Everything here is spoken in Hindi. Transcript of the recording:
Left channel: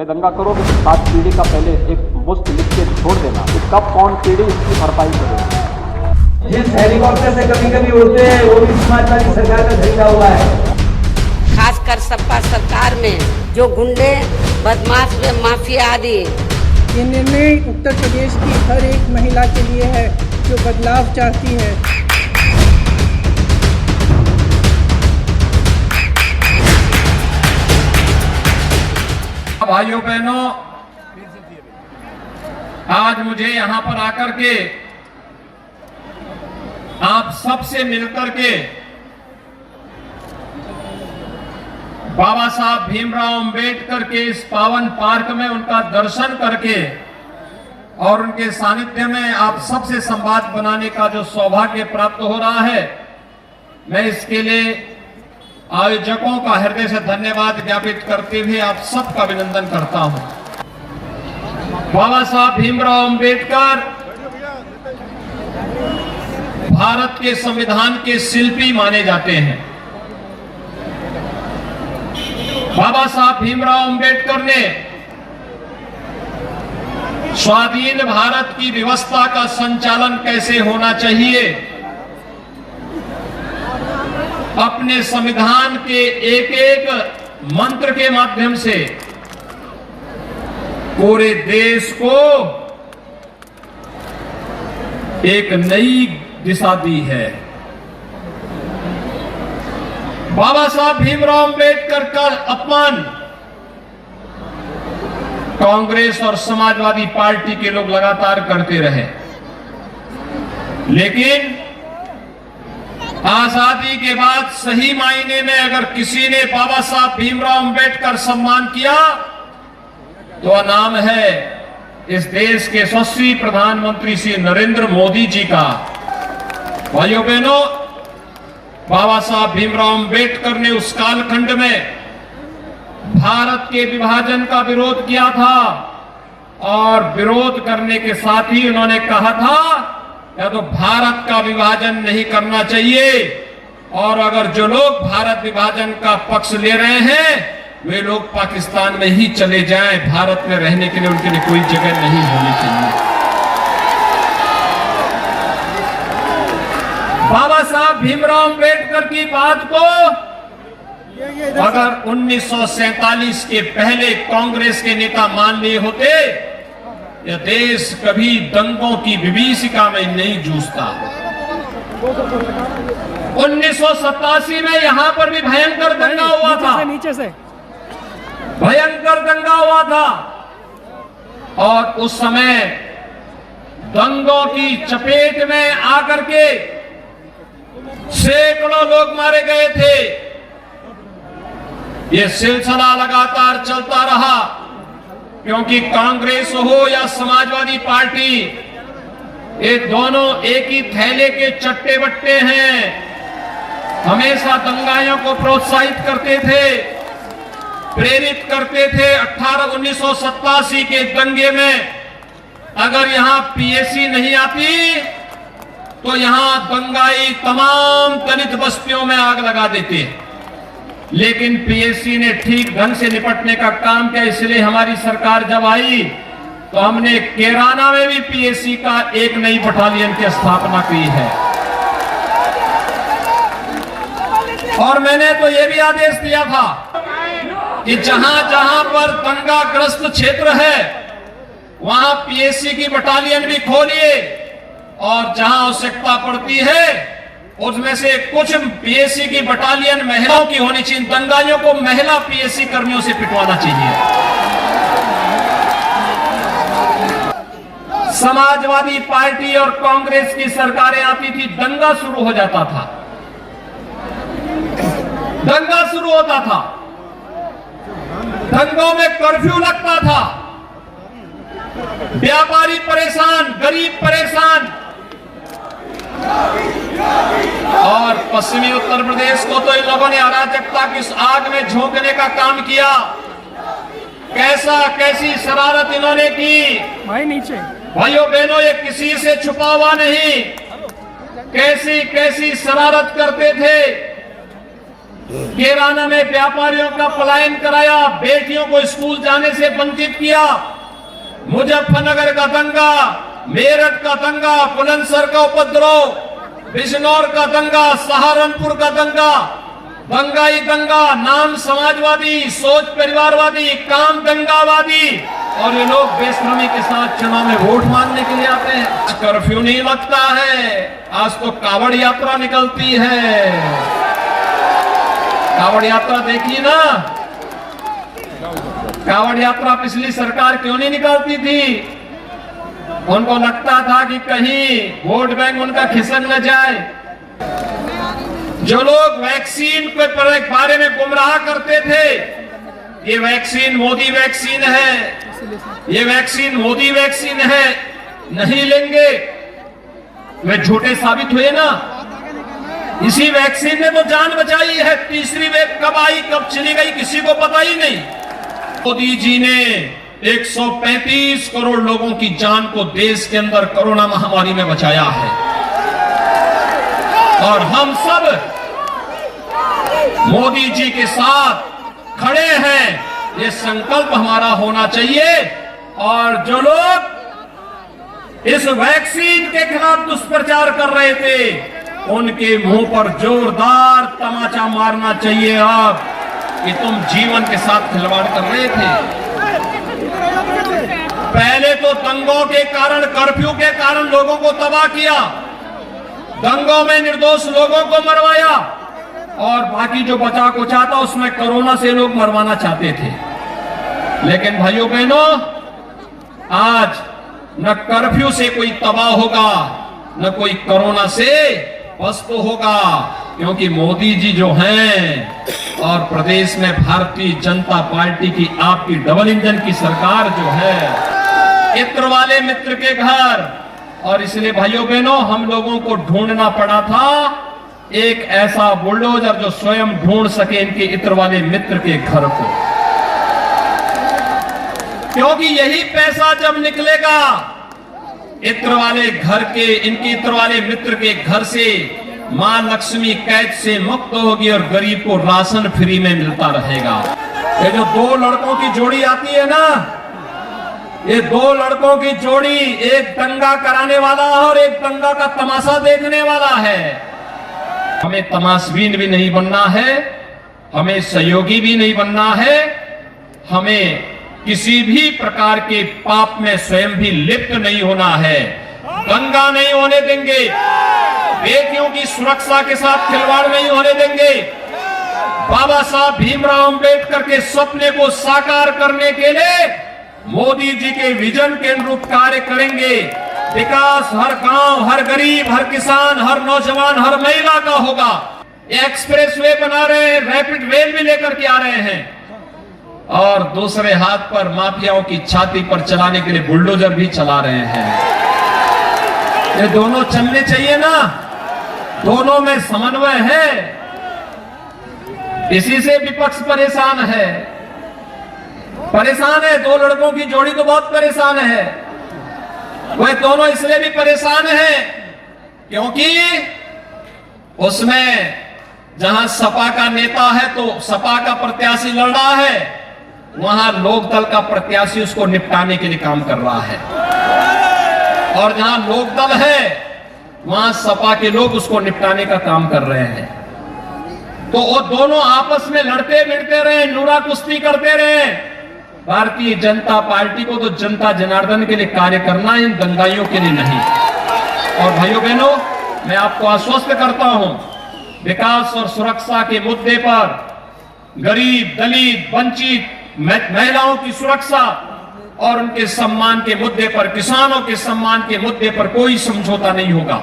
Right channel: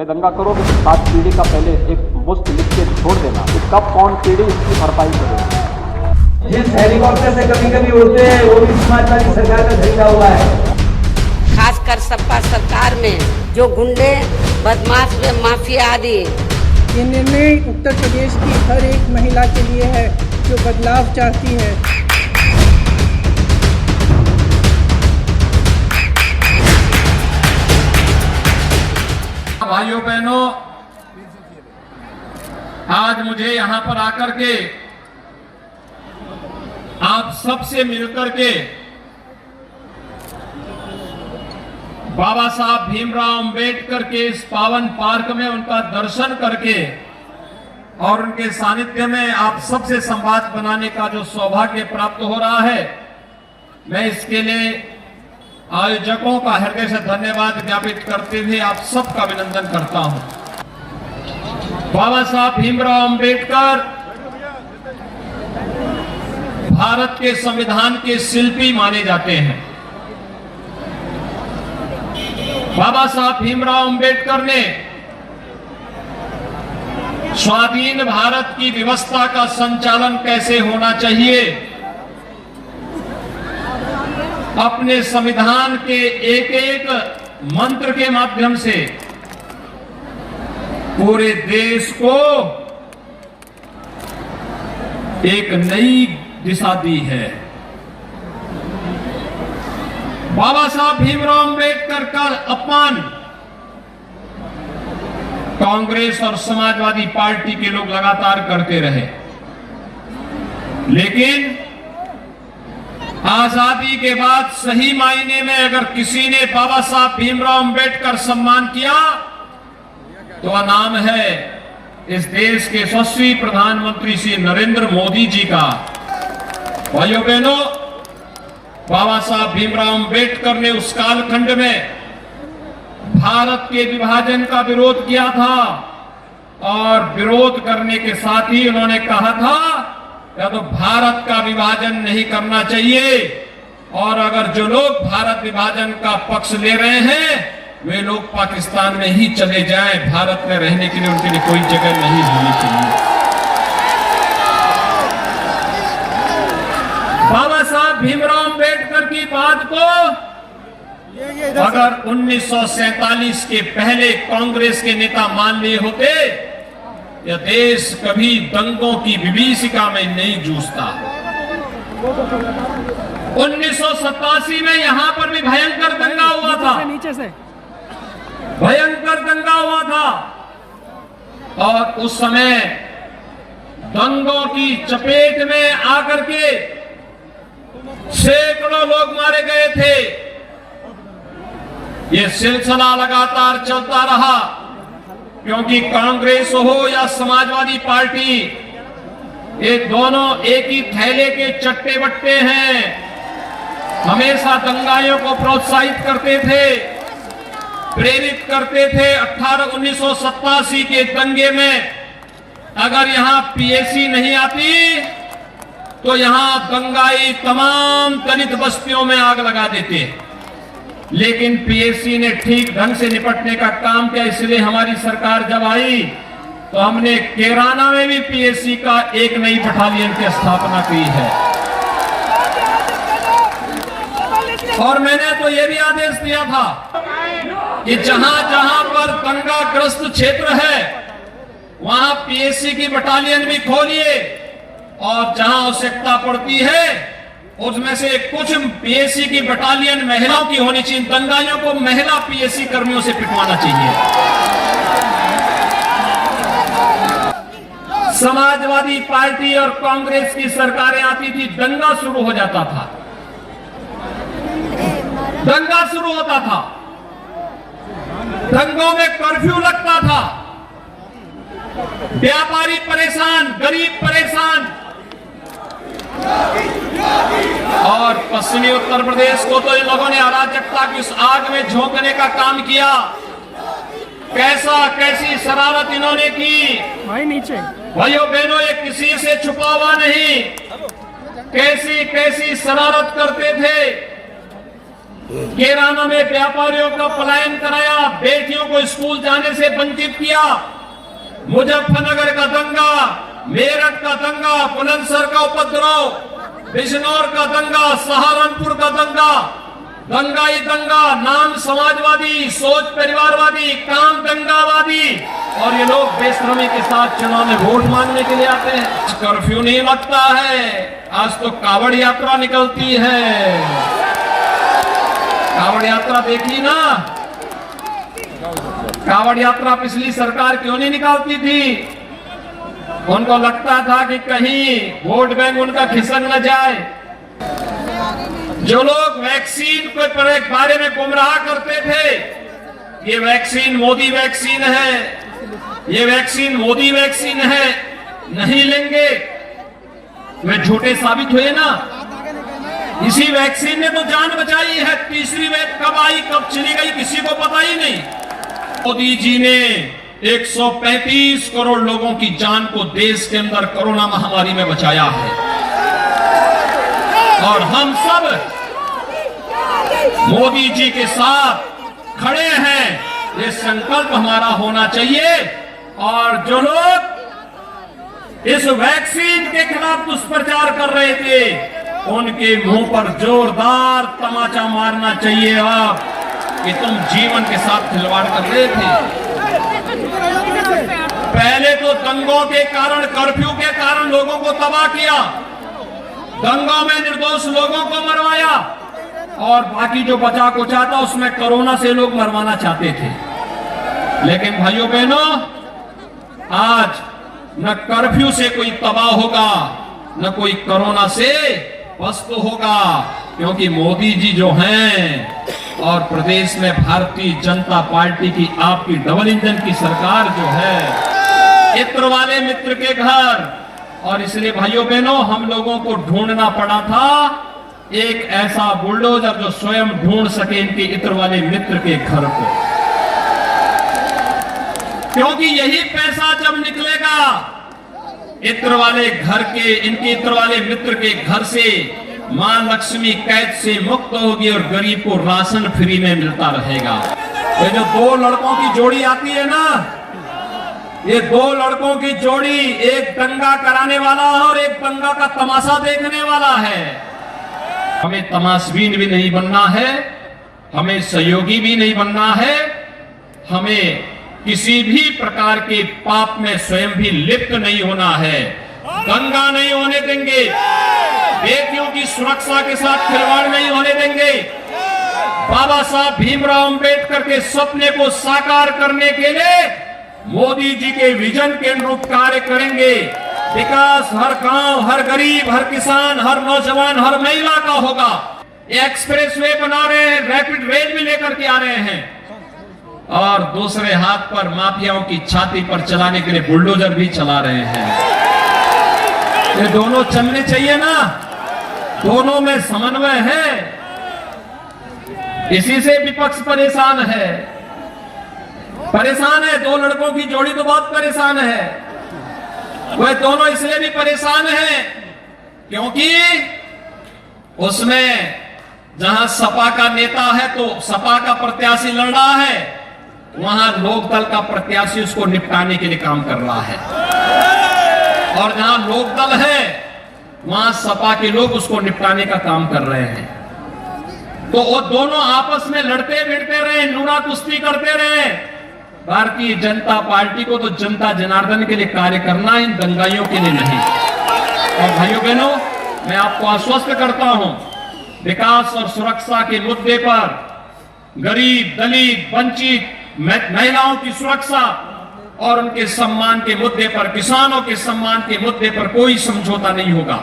मैं दंगा करोगे तो 7 पीढ़ी का पहले एक मुश्त लिख के छोड़ देना, तो कब कौन पीढ़ी इसकी भरपाई करेगी। जिस हेलीकॉप्टर से कभी कभी उड़ते हैं वो भी समाजवादी सरकार का खरीदा हुआ है। खासकर सपा सरकार में जो गुंडे बदमाश व माफिया आदि, ये निर्णय उत्तर प्रदेश की हर एक महिला के लिए है जो बदलाव चाहती है। भाइयों बहनों, आज मुझे यहां पर आकर के आप सबसे मिलकर के बाबा साहब भीमराव अंबेडकर के इस पावन पार्क में उनका दर्शन करके और उनके सानिध्य में आप सबसे संवाद बनाने का जो सौभाग्य प्राप्त हो रहा है, मैं इसके लिए आयोजकों का हृदय से धन्यवाद ज्ञापित करते हुए आप सबका अभिनंदन करता हूं। बाबा साहब भीमराव अंबेडकर भारत के संविधान के शिल्पी माने जाते हैं। बाबा साहब भीमराव अंबेडकर ने स्वाधीन भारत की व्यवस्था का संचालन कैसे होना चाहिए, अपने संविधान के एक एक मंत्र के माध्यम से पूरे देश को एक नई दिशा दी है। बाबा साहब भीमराव अंबेडकर का अपमान कांग्रेस और समाजवादी पार्टी के लोग लगातार करते रहे, लेकिन आजादी के बाद सही मायने में अगर किसी ने बाबा साहब भीमराव अंबेडकर सम्मान किया तो वह नाम है इस देश के यशस्वी प्रधानमंत्री श्री नरेंद्र मोदी जी का। भाइयों बहनों, बाबा साहब भीमराव अंबेडकर ने उस कालखंड में भारत के विभाजन का विरोध किया था और विरोध करने के साथ ही उन्होंने कहा था या तो भारत का विभाजन नहीं करना चाहिए, और अगर जो लोग भारत विभाजन का पक्ष ले रहे हैं वे लोग पाकिस्तान में ही चले जाएं, भारत में रहने के लिए उनके लिए कोई जगह नहीं होनी चाहिए। बाबा साहब भीमराव अंबेडकर की बात को अगर 1947 के पहले कांग्रेस के नेता मान लिए होते, यह देश कभी दंगों की विभीषिका में नहीं जूझता। 1987 में यहां पर भी भयंकर दंगा हुआ था, नीचे से भयंकर दंगा हुआ था, और उस समय दंगों की चपेट में आकर के सैकड़ों लोग मारे गए थे। ये सिलसिला लगातार चलता रहा क्योंकि कांग्रेस हो या समाजवादी पार्टी, ये दोनों एक ही थैले के चट्टे बट्टे हैं। हमेशा दंगाइयों को प्रोत्साहित करते थे, प्रेरित करते थे। 1987 के दंगे में अगर यहां पीएसी नहीं आती तो यहां दंगाई तमाम दलित बस्तियों में आग लगा देते, लेकिन पीएसी ने ठीक ढंग से निपटने का काम किया। इसलिए हमारी सरकार जब आई तो हमने कैराना में भी पीएसी का एक नई बटालियन की स्थापना की है, और मैंने तो यह भी आदेश दिया था कि जहां जहां पर दंगाग्रस्त क्षेत्र है वहां पीएसी की बटालियन भी खोलिए, और जहां आवश्यकता पड़ती है उसमें से कुछ पीएसी की बटालियन महिलाओं की होनी चाहिए। दंगाइयों को महिला पीएसी कर्मियों से पिटवाना चाहिए। समाजवादी पार्टी और कांग्रेस की सरकारें आती थी, दंगा शुरू हो जाता था, दंगा शुरू होता था, दंगों में कर्फ्यू लगता था, व्यापारी परेशान, गरीब परेशान, और पश्चिमी उत्तर प्रदेश को तो इन लोगों ने अराजकता की इस आग में झोंकने का काम किया। कैसी शरारत इन्होंने की। भाई नीचे, भाइयों बहनों, ये किसी से छुपा हुआ नहीं, कैसी शरारत करते थे। किराना में व्यापारियों का पलायन कराया, बेटियों को स्कूल जाने से वंचित किया। मुजफ्फरनगर का दंगा, मेरठ का दंगा, बुलंदशहर का उपद्रव, बिजनौर का दंगा, सहारनपुर का दंगा, दंगा ही दंगा, नाम समाजवादी, सोच परिवारवादी, काम दंगावादी, और ये लोग बेशर्मी के साथ चुनाव में वोट मांगने के लिए आते हैं। कर्फ्यू नहीं लगता है, आज तो कावड़ यात्रा निकलती है। कावड़ यात्रा देखी ना, कावड़ यात्रा पिछली सरकार क्यों नहीं निकालती थी? उनको लगता था कि कहीं वोट बैंक उनका खिसक न जाए। जो लोग वैक्सीन के बारे में गुमराह करते थे, ये वैक्सीन मोदी वैक्सीन है, ये वैक्सीन मोदी वैक्सीन है, नहीं लेंगे, वे झूठे साबित हुए ना। इसी वैक्सीन ने तो जान बचाई है। तीसरी वेव कब आई कब चली गई किसी को पता ही नहीं। मोदी जी ने 135 करोड़ लोगों की जान को देश के अंदर कोरोना महामारी में बचाया है, और हम सब मोदी जी के साथ खड़े हैं। ये संकल्प हमारा होना चाहिए। और जो लोग इस वैक्सीन के खिलाफ दुष्प्रचार कर रहे थे, उनके मुंह पर जोरदार तमाचा मारना चाहिए अब कि तुम जीवन के साथ खिलवाड़ कर रहे थे। पहले तो दंगों के कारण, कर्फ्यू के कारण लोगों को तबाह किया, दंगों में निर्दोष लोगों को मरवाया, और बाकी जो बचा कुचा था उसमें कोरोना से लोग मरवाना चाहते थे। लेकिन भाइयों बहनों, आज न कर्फ्यू से कोई तबाह होगा, न कोई कोरोना से पस्त होगा, क्योंकि मोदी जी जो हैं और प्रदेश में भारतीय जनता पार्टी की आपकी डबल इंजन की सरकार जो है, इत्र वाले मित्र के घर। और इसलिए भाइयों बहनों, हम लोगों को ढूंढना पड़ा था एक ऐसा बुलडोजर जो स्वयं ढूंढ सके इनके इत्र वाले मित्र के घर को, क्योंकि यही पैसा जब निकलेगा इत्र वाले घर के, इनके इत्र वाले मित्र के घर से, मां लक्ष्मी कैद से मुक्त होगी और गरीब को राशन फ्री में मिलता रहेगा। ये जो दो लड़कों की जोड़ी आती है ना, ये दो लड़कों की जोड़ी, एक दंगा कराने वाला और एक दंगा का तमाशा देखने वाला है। हमें तमाशबीन भी नहीं बनना है, हमें सहयोगी भी नहीं बनना है, हमें किसी भी प्रकार के पाप में स्वयं भी लिप्त नहीं होना है। दंगा नहीं होने देंगे, बेटियों की सुरक्षा के साथ खिलवाड़ नहीं होने देंगे। बाबा साहब भीमराव अंबेडकर के सपने को साकार करने के लिए मोदी जी के विजन के अनुरूप कार्य करेंगे। विकास हर गांव, हर गरीब, हर किसान, हर नौजवान, हर महिला का होगा। एक्सप्रेस वे बना रहे हैं, रैपिड रेल भी लेकर के आ रहे हैं, और दूसरे हाथ पर माफियाओं की छाती पर चलाने के लिए बुलडोजर भी चला रहे हैं। ये दोनों चलने चाहिए ना, दोनों में समन्वय है। इसी से विपक्ष परेशान है, परेशान है। दो लड़कों की जोड़ी तो बहुत परेशान है। वह दोनों इसलिए भी परेशान है क्योंकि उसमें जहां सपा का नेता है तो सपा का प्रत्याशी लड़ रहा है, वहां लोकदल का प्रत्याशी उसको निपटाने के लिए काम कर रहा है, और जहां लोकदल है वहां सपा के लोग उसको निपटाने का काम कर रहे हैं। तो वो दोनों आपस में लड़ते भिड़ते रहे, लूड़ा कुश्ती करते रहे। भारतीय जनता पार्टी को तो जनता जनार्दन के लिए कार्य करना है, इन दंगाइयों के लिए नहीं। और भाइयों बहनों, मैं आपको आश्वस्त करता हूं, विकास और सुरक्षा के मुद्दे पर गरीब, दलित, वंचित महिलाओं की सुरक्षा और उनके सम्मान के मुद्दे पर, किसानों के सम्मान के मुद्दे पर कोई समझौता नहीं होगा।